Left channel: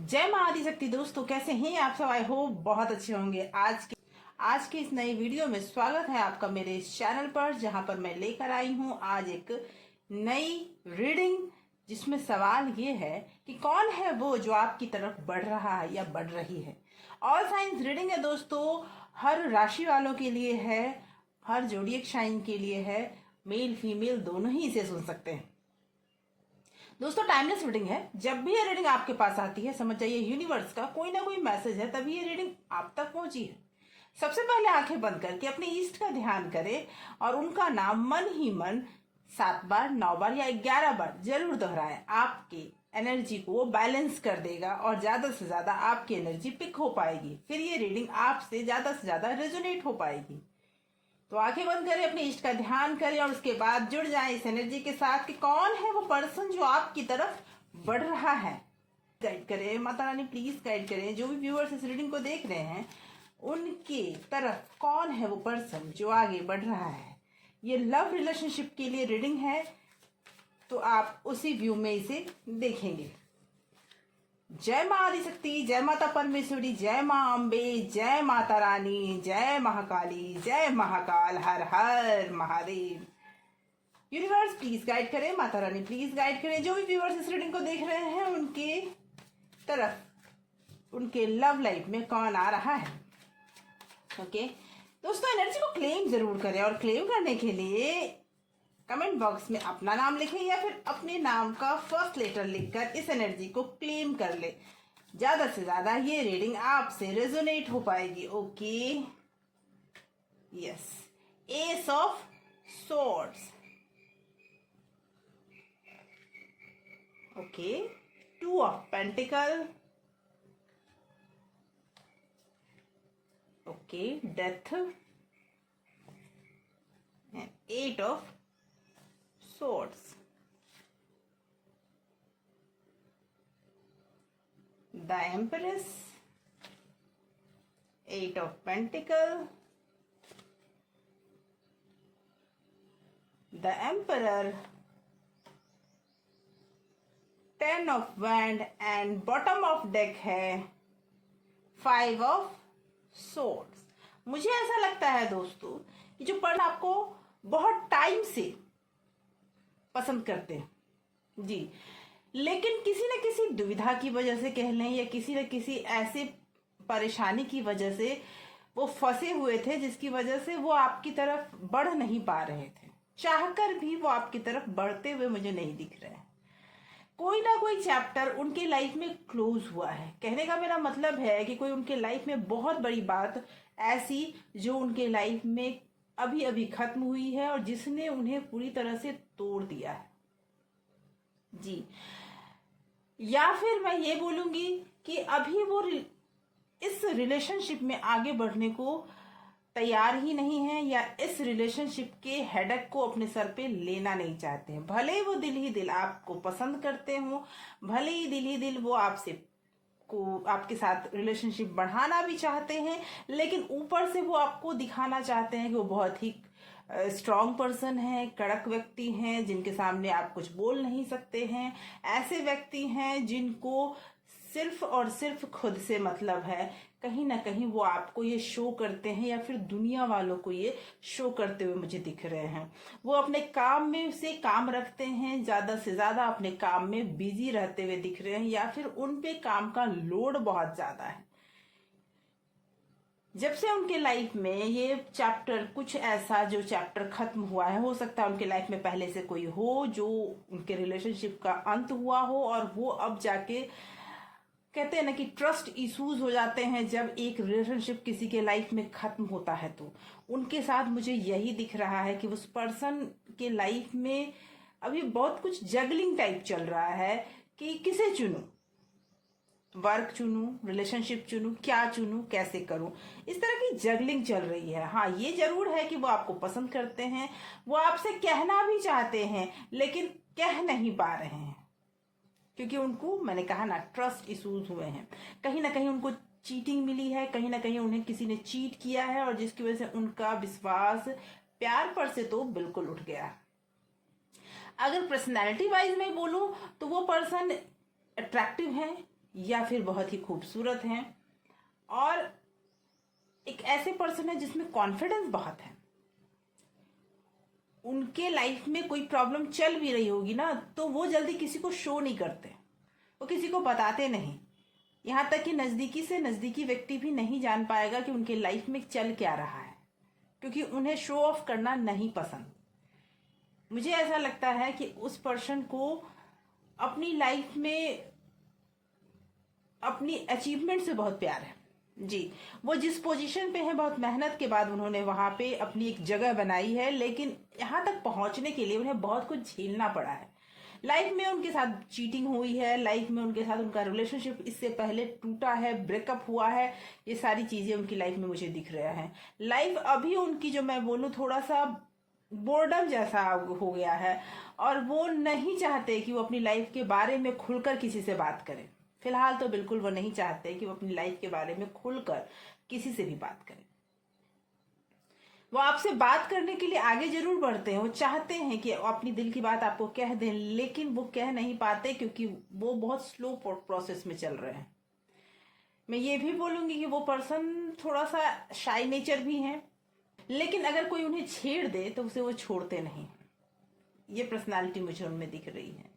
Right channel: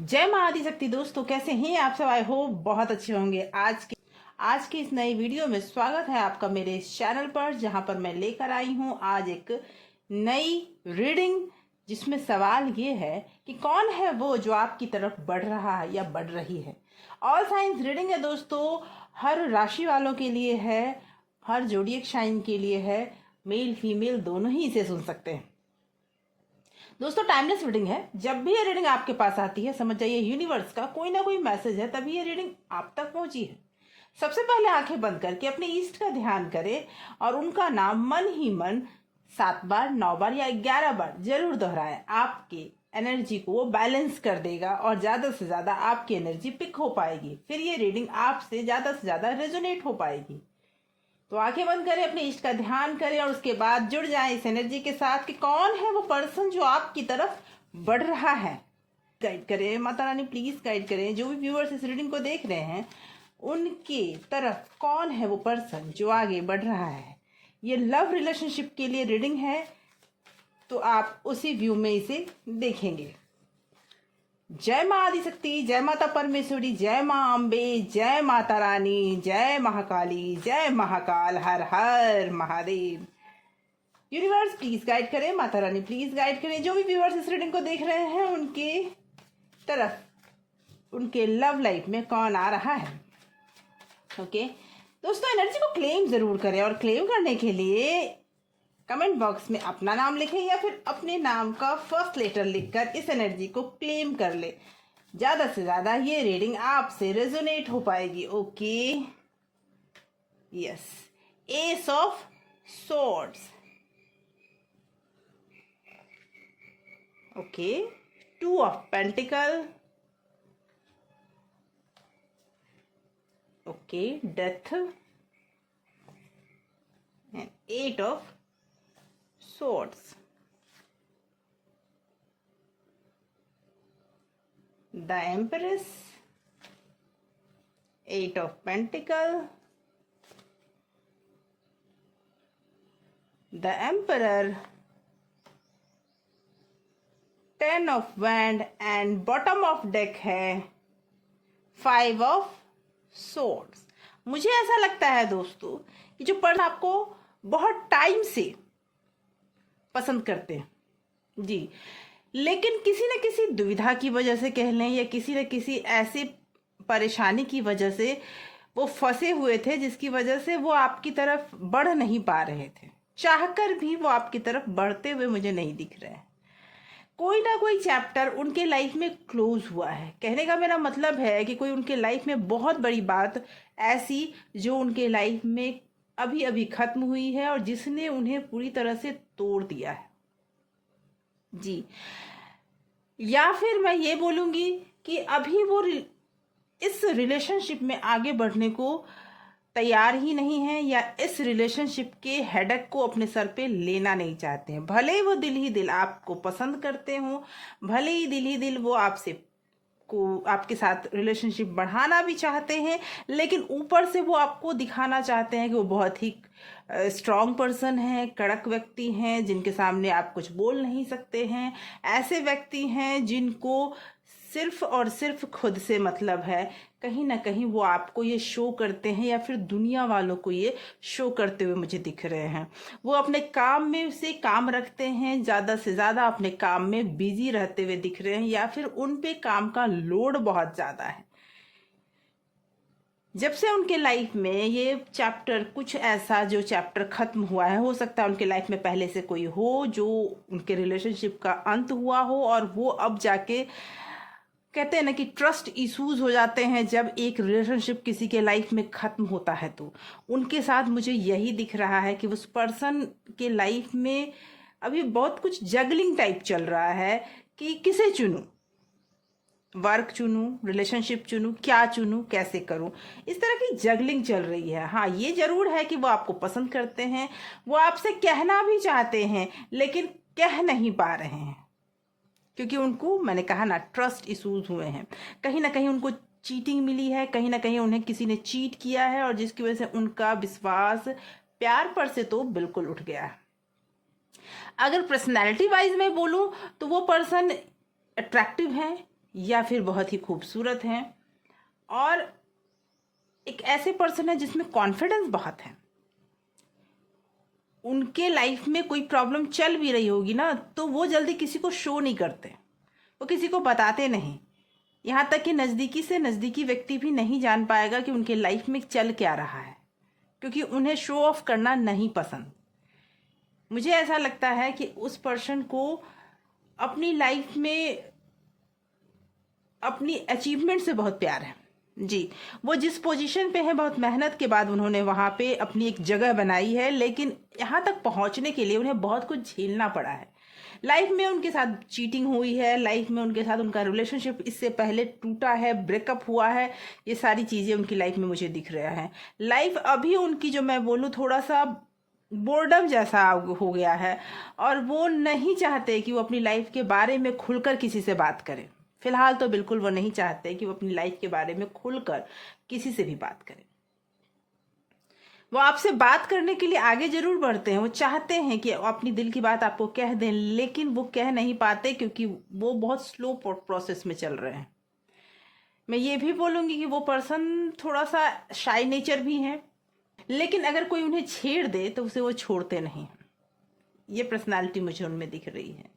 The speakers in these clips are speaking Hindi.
जय मां आदिशक्ति। दोस्तों कैसे हैं आप सब? आई होप बहुत अच्छे होंगे। आज की इस नई वीडियो में स्वागत है आपका मेरे इस चैनल पर, जहां पर मैं लेकर आई हूं आज एक नई रीडिंग, जिसमें सवाल ये है कि कौन है वो जो आपकी तरफ बढ़ रहा है या बढ़ रही है। ऑल साइंस रीडिंग है दोस्तों, हर राशि वालों के लिए है, हर जोडिएक साइन के लिए है। मेल फीमेल दोनों ही इसे सुन सकते हैं। दोस्तों टाइमलेस रीडिंग है। जब भी ये रीडिंग आपके पास आती है, समझ जाइए यूनिवर्स का कोई ना कोई मैसेज है, तभी ये रीडिंग आप तक पहुंची है। सबसे पहले आंखें बंद करके अपने ईष्ट का ध्यान करें और उनका नाम मन ही मन 7 बार, 9 बार या 11 बार जरूर दोहराएं। आपकी एनर्जी को वो बैलेंस कर देगा और ज्यादा से ज्यादा आपकी एनर्जी पिक हो पाएगी। फिर ये रीडिंग आपसे ज्यादा से ज्यादा रेजोनेट हो पाएगी। तो आंखें बंद करें, अपने इष्ट का ध्यान करें और उसके बाद जुड़ जाएं इस एनर्जी के साथ कि कौन है वो पर्सन जो आपकी तरफ बढ़ रहा है। गाइड करें माता रानी, प्लीज गाइड करें। जो भी व्यूअर्स इस रीडिंग को देख रहे हैं, उनके तरफ कौन है वो पर्सन जो आगे बढ़ रहा है। ये लव रिलेशनशिप के लिए रीडिंग है, तो आप उसी व्यू में इसे देखेंगे। जय मां आदिशक्ति, जय माता परमेश्वरी, जय मां अम्बे, जय माता रानी, जय महाकाली, जय महाकाल, हर हर महादेव। यूनिवर्स प्लीज गाइड करें, माता रानी प्लीज गाइड करें। जो भी व्यूअर्स इस रीडिंग को देख रहे हैं, उनके तरफ उनके लव लाइफ में कौन आ रहा है। ओके दोस्तों, एनर्जी को क्लेम जरूर करें और क्लेम करने के लिए कमेंट बॉक्स में अपना नाम लिखें या फिर अपने नाम का फर्स्ट लेटर लिखकर इस एनर्जी को क्लेम कर ले। ज्यादा से ज्यादा ये रीडिंग आपसे रेजोनेट हो पाएगी। Okay yes, S of swords, okay, 2 of pentacle, okay, death and 8 of swords, the Empress, 8 of Pentacle, the Emperor, 10 of Wand and bottom of deck है 5 of Swords। मुझे ऐसा लगता है दोस्तों कि जो पर्सन आपको बहुत टाइम से पसंद करते हैं जी, लेकिन किसी न किसी दुविधा की वजह से कह लें या किसी न किसी ऐसी परेशानी की वजह से वो फंसे हुए थे, जिसकी वजह से वो आपकी तरफ बढ़ नहीं पा रहे थे। चाहकर भी वो आपकी तरफ बढ़ते हुए मुझे नहीं दिख रहे हैं। कोई ना कोई चैप्टर उनके लाइफ में क्लोज हुआ है। कहने का मेरा मतलब है कि कोई उनके लाइफ में बहुत बड़ी बात ऐसी जो उनके लाइफ में अभी अभी खत्म हुई है और जिसने उन्हें पूरी तरह से तोड़ दिया है जी। या फिर मैं ये बोलूंगी कि अभी वो इस रिलेशनशिप में आगे बढ़ने को तैयार ही नहीं है, या इस रिलेशनशिप के हेडेक को अपने सर पे लेना नहीं चाहते हैं। भले ही वो दिल ही दिल आपको पसंद करते हो, भले ही दिल वो आपके साथ रिलेशनशिप बढ़ाना भी चाहते हैं, लेकिन ऊपर से वो आपको दिखाना चाहते हैं कि वो बहुत ही स्ट्रांग पर्सन है, कड़क व्यक्ति हैं, जिनके सामने आप कुछ बोल नहीं सकते हैं। ऐसे व्यक्ति हैं जिनको सिर्फ और सिर्फ खुद से मतलब है। कहीं ना कहीं वो आपको ये शो करते हैं या फिर दुनिया वालों को ये शो करते हुए मुझे दिख रहे हैं। वो अपने काम में से काम रखते हैं, ज्यादा से ज्यादा अपने काम में बिजी रहते हुए दिख रहे हैं, या फिर उन पे काम का लोड बहुत ज्यादा है। जब से उनके लाइफ में ये चैप्टर, कुछ ऐसा जो चैप्टर खत्म हुआ है, हो सकता है उनके लाइफ में पहले से कोई हो जो उनके रिलेशनशिप का अंत हुआ हो, और वो अब जाके कहते हैं ना कि ट्रस्ट इश्यूज हो जाते हैं जब एक रिलेशनशिप किसी के लाइफ में खत्म होता है। तो उनके साथ मुझे यही दिख रहा है कि उस पर्सन के लाइफ में अभी बहुत कुछ जगलिंग टाइप चल रहा है कि किसे चुनूं, वर्क चुनूं, रिलेशनशिप चुनूं, क्या चुनूं, कैसे करूं, इस तरह की जगलिंग चल रही है। हाँ, ये जरूर है कि वो आपको पसंद करते हैं, वो आपसे कहना भी चाहते हैं लेकिन कह नहीं पा रहे हैं, क्योंकि उनको, मैंने कहा ना, ट्रस्ट इश्यूज हुए हैं। कहीं ना कहीं उनको चीटिंग मिली है, कहीं ना कहीं उन्हें किसी ने चीट किया है, और जिसकी वजह से उनका विश्वास प्यार पर से तो बिल्कुल उठ गया है। अगर पर्सनैलिटी वाइज में बोलूं तो वो पर्सन अट्रैक्टिव है, या फिर बहुत ही खूबसूरत हैं, और एक ऐसे पर्सन है जिसमें कॉन्फिडेंस बहुत है। उनके लाइफ में कोई प्रॉब्लम चल भी रही होगी ना, तो वो जल्दी किसी को शो नहीं करते, वो किसी को बताते नहीं। यहाँ तक कि नज़दीकी से नज़दीकी व्यक्ति भी नहीं जान पाएगा कि उनके लाइफ में चल क्या रहा है, क्योंकि उन्हें शो ऑफ करना नहीं पसंद। मुझे ऐसा लगता है कि उस पर्सन को अपनी लाइफ में अपनी अचीवमेंट से बहुत प्यार है। जी, वो जिस पोजीशन पे है, बहुत मेहनत के बाद उन्होंने वहाँ पे अपनी एक जगह बनाई है, लेकिन यहाँ तक पहुँचने के लिए उन्हें बहुत कुछ झेलना पड़ा है। लाइफ में उनके साथ चीटिंग हुई है, लाइफ में उनके साथ उनका रिलेशनशिप इससे पहले टूटा है, ब्रेकअप हुआ है, ये सारी चीज़ें उनकी लाइफ में मुझे दिख रहा है। लाइफ अभी उनकी, जो मैं बोलूँ, थोड़ा सा बोर्डम जैसा हो गया है, और वो नहीं चाहते कि वो अपनी लाइफ के बारे में खुलकर किसी से बात करें। फिलहाल तो बिल्कुल वो नहीं चाहते कि वो अपनी लाइफ के बारे में खुलकर किसी से भी बात करें। वो आपसे बात करने के लिए आगे जरूर बढ़ते हैं, वो चाहते हैं कि अपनी दिल की बात आपको कह दें, लेकिन वो कह नहीं पाते क्योंकि वो बहुत स्लो प्रोसेस में चल रहे हैं। मैं ये भी बोलूंगी कि वो पर्सन थोड़ा सा शाई नेचर भी है, लेकिन अगर कोई उन्हें छेड़ दे तो उसे वो छोड़ते नहीं। ये पर्सनालिटी मुझे उनमें दिख रही है।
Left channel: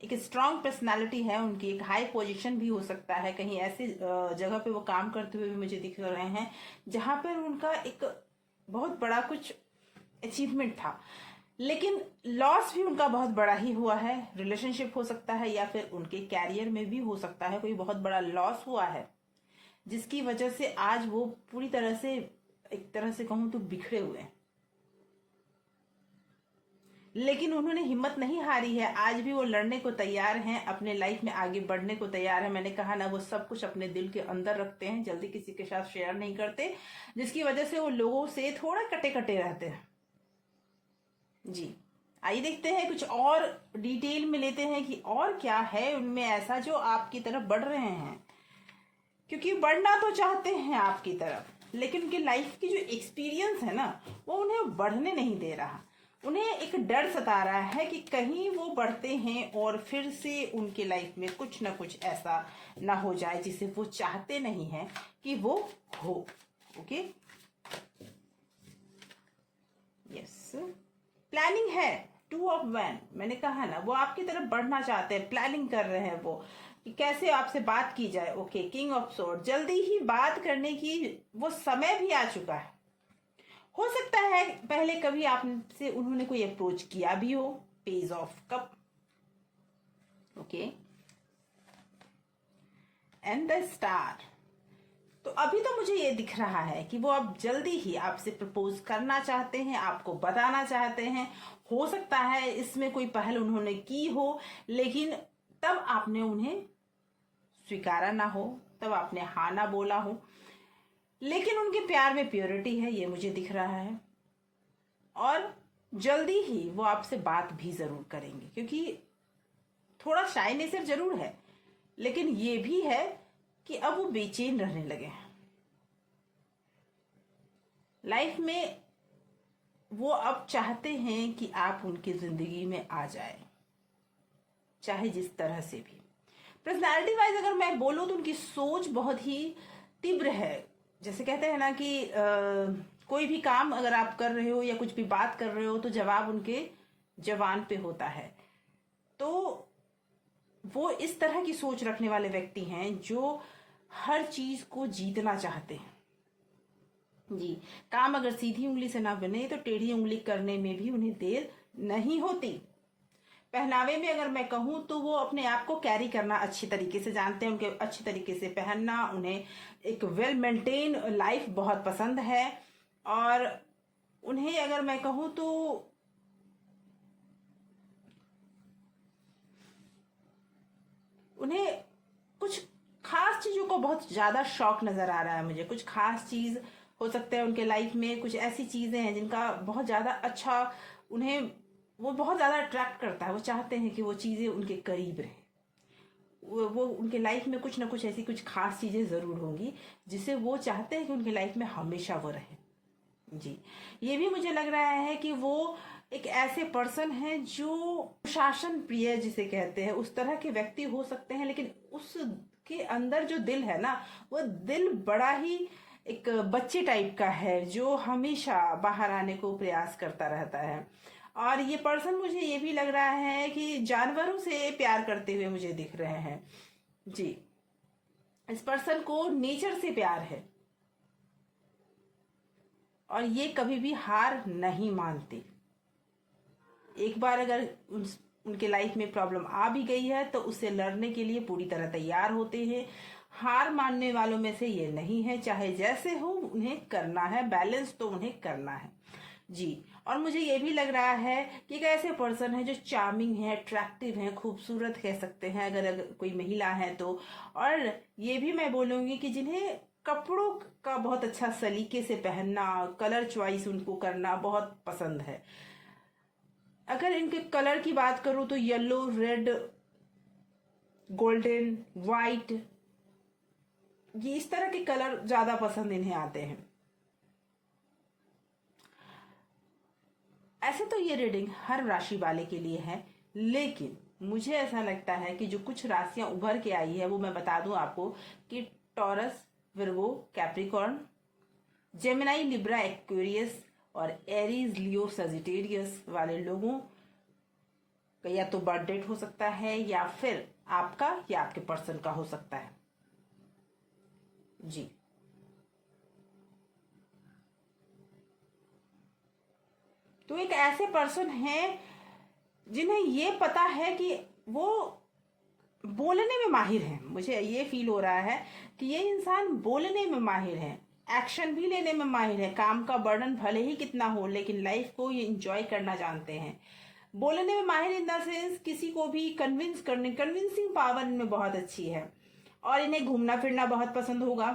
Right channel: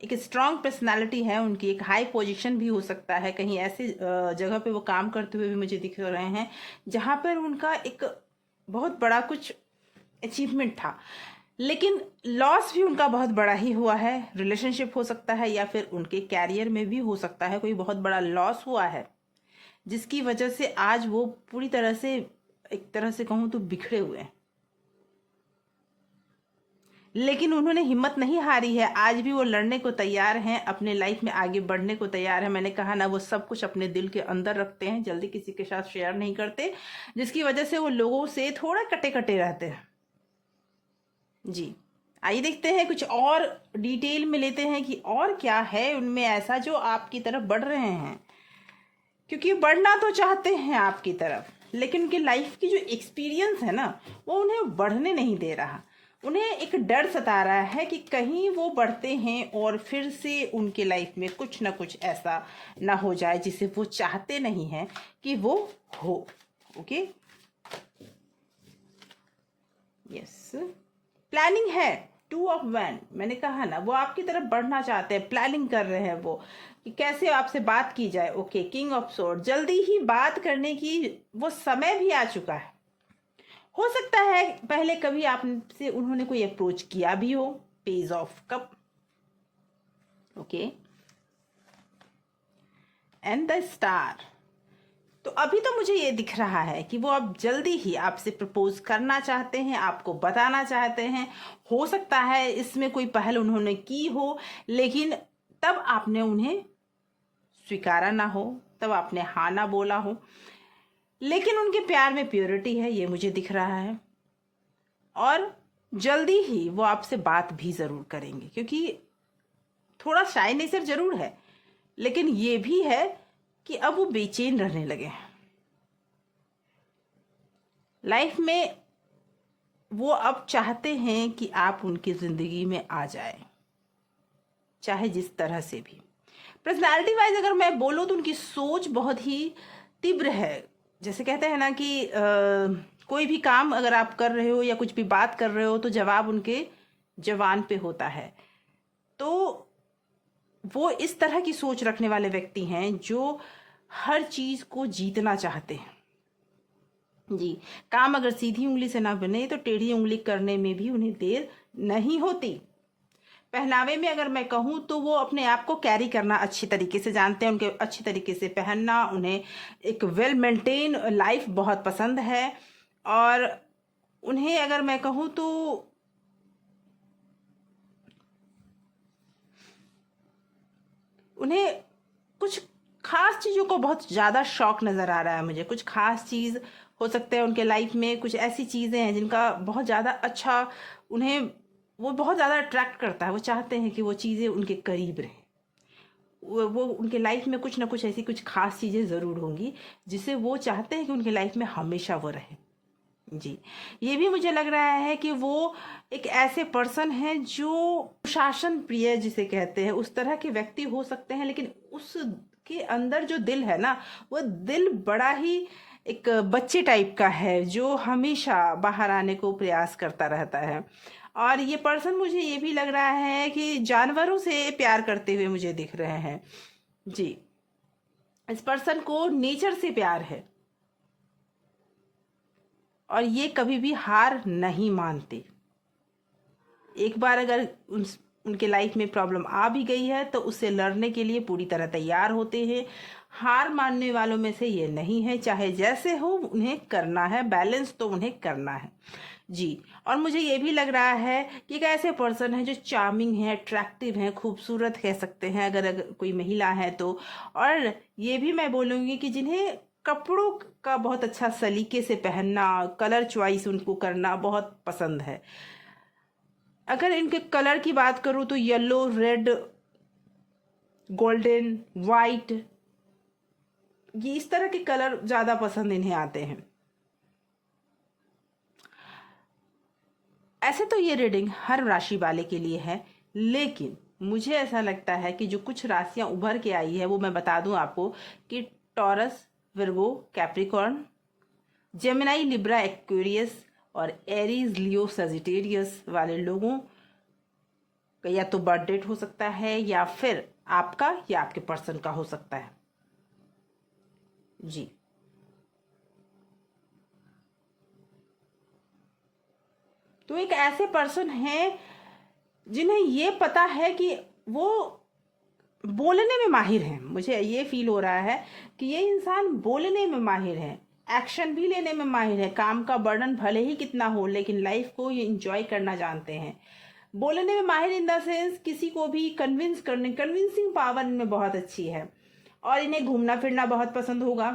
एक स्ट्रांग पर्सनालिटी है उनकी, एक हाई पोजीशन भी हो सकता है, कहीं ऐसे जगह पे वो काम करते हुए भी मुझे दिख रहे हैं जहां पर उनका एक बहुत बड़ा कुछ अचीवमेंट था, लेकिन लॉस भी उनका बहुत बड़ा ही हुआ है। रिलेशनशिप हो सकता है, या फिर उनके कैरियर में भी हो सकता है कोई बहुत बड़ा लॉस हुआ है, जिसकी वजह से आज वो पूरी तरह से, एक तरह से कहूं तो, बिखरे हुए हैं। लेकिन उन्होंने हिम्मत नहीं हारी है, आज भी वो लड़ने को तैयार हैं, अपने लाइफ में आगे बढ़ने को तैयार है। मैंने कहा ना, वो सब कुछ अपने दिल के अंदर रखते हैं, जल्दी किसी के साथ शेयर नहीं करते, जिसकी वजह से वो लोगों से थोड़ा कटे कटे रहते हैं। जी, आइए देखते हैं, कुछ और डिटेल में लेते हैं कि और क्या है उनमें ऐसा जो आपकी तरफ बढ़ रहे हैं, क्योंकि बढ़ना तो चाहते हैं आपकी तरफ, लेकिन उनके लाइफ की जो एक्सपीरियंस है ना, वो उन्हें बढ़ने नहीं दे रहा। उन्हें एक डर सता रहा है कि कहीं वो बढ़ते हैं और फिर से उनके लाइफ में कुछ ना कुछ ऐसा ना हो जाए जिसे वो चाहते नहीं हैं कि वो हो। ओके, यस, प्लानिंग है। 2 ऑफ वैंड, मैंने कहा ना, वो आपकी तरफ बढ़ना चाहते हैं, प्लानिंग कर रहे हैं वो कि कैसे आपसे बात की जाए। ओके, किंग ऑफ सोर्ड, जल्दी ही बात करने की वो समय भी आ चुका है। हो सकता है पहले कभी आपसे उन्होंने कोई अप्रोच किया भी हो। Page of cup, okay, and the star. तो अभी तो मुझे ये दिख रहा है कि वो अब जल्दी ही आपसे प्रपोज करना चाहते हैं, आपको बताना चाहते हैं। हो सकता है इसमें कोई पहल उन्होंने की हो, लेकिन तब आपने उन्हें स्वीकारा ना हो, तब आपने हाँ ना बोला हो। लेकिन उनके प्यार में प्योरिटी है, ये मुझे दिख रहा है, और जल्दी ही वो आपसे बात भी जरूर करेंगे, क्योंकि थोड़ा शाय नेचर जरूर है, लेकिन ये भी है कि अब वो बेचैन रहने लगे हैं। लाइफ में वो अब चाहते हैं कि आप उनकी जिंदगी में आ जाए, चाहे जिस तरह से भी। पर्सनालिटी वाइज अगर मैं बोलूं तो उनकी सोच बहुत ही तीव्र है। जैसे कहते हैं ना कि कोई भी काम अगर आप कर रहे हो या कुछ भी बात कर रहे हो तो जवाब उनके जवान पे होता है। तो वो इस तरह की सोच रखने वाले व्यक्ति हैं जो हर चीज को जीतना चाहते हैं। जी, काम अगर सीधी उंगली से ना बने तो टेढ़ी उंगली करने में भी उन्हें देर नहीं होती। पहनावे में अगर मैं कहूँ तो वो अपने आप को कैरी करना अच्छी तरीके से जानते हैं, उनके अच्छी तरीके से पहनना, उन्हें एक वेल मेंटेन लाइफ बहुत पसंद है। और उन्हें अगर मैं कहूँ तो उन्हें कुछ खास चीजों को बहुत ज्यादा शौक नजर आ रहा है मुझे। कुछ खास चीज हो सकता है उनके लाइफ में, कुछ ऐसी चीजें हैं जिनका बहुत ज्यादा अच्छा उन्हें, वो बहुत ज्यादा अट्रैक्ट करता है। वो चाहते हैं कि वो चीजें उनके करीब रहे। वो उनके लाइफ में कुछ ना कुछ ऐसी कुछ खास चीजें जरूर होंगी जिसे वो चाहते हैं कि उनके लाइफ में हमेशा वो रहे। जी, ये भी मुझे लग रहा है कि वो एक ऐसे पर्सन हैं जो शासन प्रिय जिसे कहते हैं, उस तरह के व्यक्ति हो सकते हैं, लेकिन उस आपके अंदर जो दिल है ना, वो दिल बड़ा ही एक बच्चे टाइप का है जो हमेशा बाहर आने को प्रयास करता रहता है। और ये पर्सन मुझे ये भी लग रहा है कि जानवरों से प्यार करते हुए मुझे दिख रहे हैं। जी, इस पर्सन को नेचर से प्यार है और ये कभी भी हार नहीं मानते। एक बार अगर उनके लाइफ में प्रॉब्लम आ भी गई है तो उससे लड़ने के लिए पूरी तरह तैयार होते हैं। हार मानने वालों में से ये नहीं है, चाहे जैसे हो उन्हें करना है, बैलेंस तो उन्हें करना है। जी, और मुझे ये भी लग रहा है कि एक ऐसे पर्सन है जो चार्मिंग है, अट्रैक्टिव है, खूबसूरत कह सकते हैं अगर कोई महिला है तो। और ये भी मैं बोलूँगी कि जिन्हें कपड़ों का बहुत अच्छा सलीके से पहनना, कलर चॉइस उनको करना बहुत पसंद है। अगर इनके कलर की बात करूँ तो येलो, रेड, गोल्डन, वाइट, ये इस तरह के कलर ज़्यादा पसंद इन्हें आते हैं। ऐसे तो ये रीडिंग हर राशि वाले के लिए है, लेकिन मुझे ऐसा लगता है कि जो कुछ राशियां उभर के आई है वो मैं बता दूं आपको कि taurus, Virgo, Capricorn, Gemini, Libra, Aquarius और एरीज, लियो, सजिटेरियस वाले लोगों का या तो बर्थ डेट हो सकता है या फिर आपका या आपके पर्सन का हो सकता है। जी, तो एक ऐसे पर्सन हैं जिन्हें ये पता है कि वो बोलने में माहिर हैं। मुझे ये फील हो रहा है कि ये इंसान बोलने में माहिर है, एक्शन भी लेने में माहिर है। काम का बर्डन भले ही कितना हो लेकिन लाइफ को ये इंजॉय करना जानते हैं। बोलने में माहिर इन द सेंस किसी को भी कन्विंस करने, कन्विंसिंग पावर इनमें बहुत अच्छी है। और इन्हें घूमना फिरना बहुत पसंद होगा।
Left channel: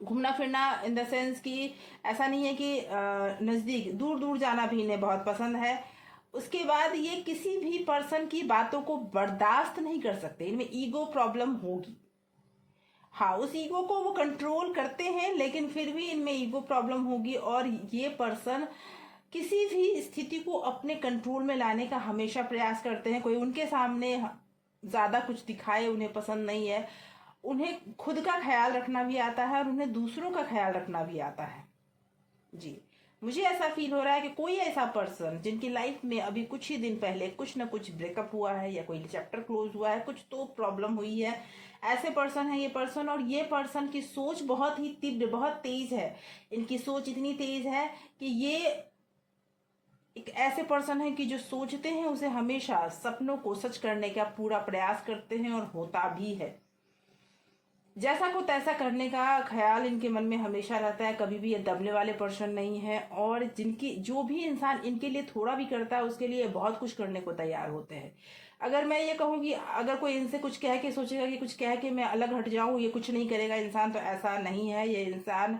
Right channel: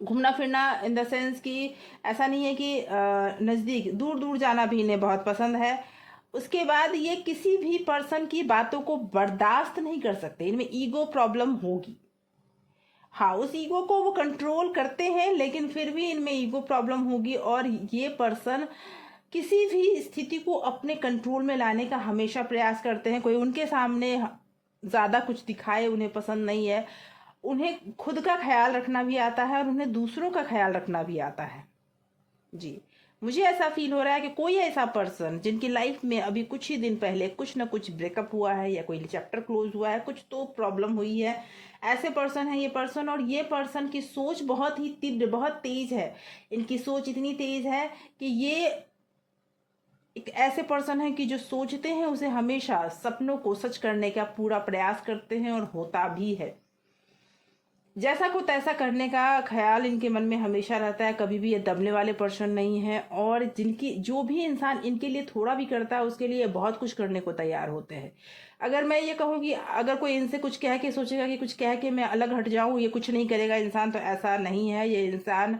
घूमना फिरना इन द सेंस कि ऐसा नहीं है कि नज़दीक, दूर दूर जाना भी इन्हें बहुत पसंद है। उसके बाद ये किसी भी पर्सन की बातों को बर्दाश्त नहीं कर सकते, इनमें ईगो प्रॉब्लम होगी। हाँ, उस ईगो को वो कंट्रोल करते हैं लेकिन फिर भी इनमें ईगो प्रॉब्लम होगी। और ये पर्सन किसी भी स्थिति को अपने कंट्रोल में लाने का हमेशा प्रयास करते हैं। कोई उनके सामने ज्यादा कुछ दिखाए उन्हें पसंद नहीं है। उन्हें खुद का ख्याल रखना भी आता है और उन्हें दूसरों का ख्याल रखना भी आता है। जी, मुझे ऐसा फील हो रहा है कि कोई ऐसा पर्सन जिनकी लाइफ में अभी कुछ ही दिन पहले कुछ ना कुछ ब्रेकअप हुआ है या कोई चैप्टर क्लोज हुआ है, कुछ तो प्रॉब्लम हुई है, ऐसे पर्सन है ये पर्सन। और ये पर्सन की सोच बहुत ही तीव्र, बहुत तेज है। इनकी सोच इतनी तेज है कि ये एक ऐसे पर्सन है कि जो सोचते हैं उसे हमेशा सपनों को सच करने का पूरा प्रयास करते हैं और होता भी है। जैसा को तैसा करने का ख्याल इनके मन में हमेशा रहता है। कभी भी ये दबने वाले पर्सन नहीं है। और जिनकी जो भी इंसान इनके लिए थोड़ा भी करता है उसके लिए बहुत कुछ करने को तैयार होते हैं। अगर मैं ये कहूँ कि अगर कोई इनसे कुछ कह के सोचेगा कि कुछ कह के मैं अलग हट जाऊं, ये कुछ नहीं करेगा इंसान, तो ऐसा नहीं है। ये इंसान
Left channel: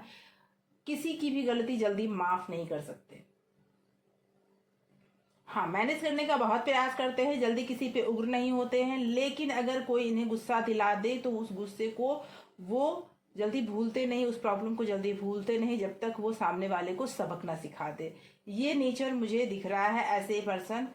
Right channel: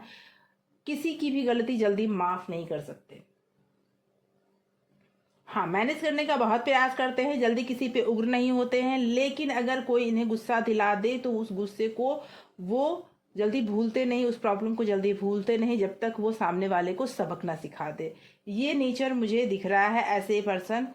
किसी की भी गलती जल्दी माफ नहीं कर सकते। हाँ, मैनेज करने का बहुत प्रयास करते हैं, जल्दी किसी पे उग्र नहीं होते हैं। लेकिन अगर कोई इन्हें गुस्सा दिला दे तो उस गुस्से को वो जल्दी भूलते नहीं, उस प्रॉब्लम को जल्दी भूलते नहीं जब तक वो सामने वाले को सबक ना सिखा दे। ये नेचर मुझे दिख रहा है, ऐसे पर्सन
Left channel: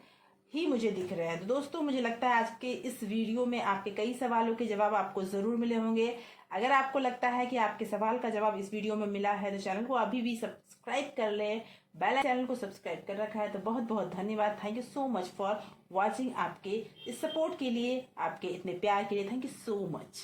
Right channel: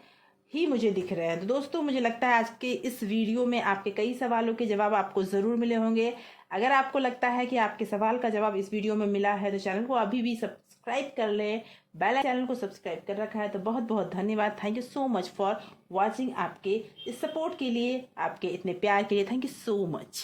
ही मुझे दिख रहे हैं। तो दोस्तों, मुझे लगता है आज के इस वीडियो में आपके कई सवालों के जवाब आपको जरूर मिले होंगे। अगर आपको लगता है कि आपके सवाल का जवाब इस वीडियो में मिला है तो चैनल को अभी भी सब्सक्राइब कर लें। बेल चैनल को सब्सक्राइब कर रखा है तो बहुत बहुत धन्यवाद। Thank you so much for watching. आपके इस सपोर्ट के लिए, आपके इतने प्यार के लिए थैंक यू सो मच।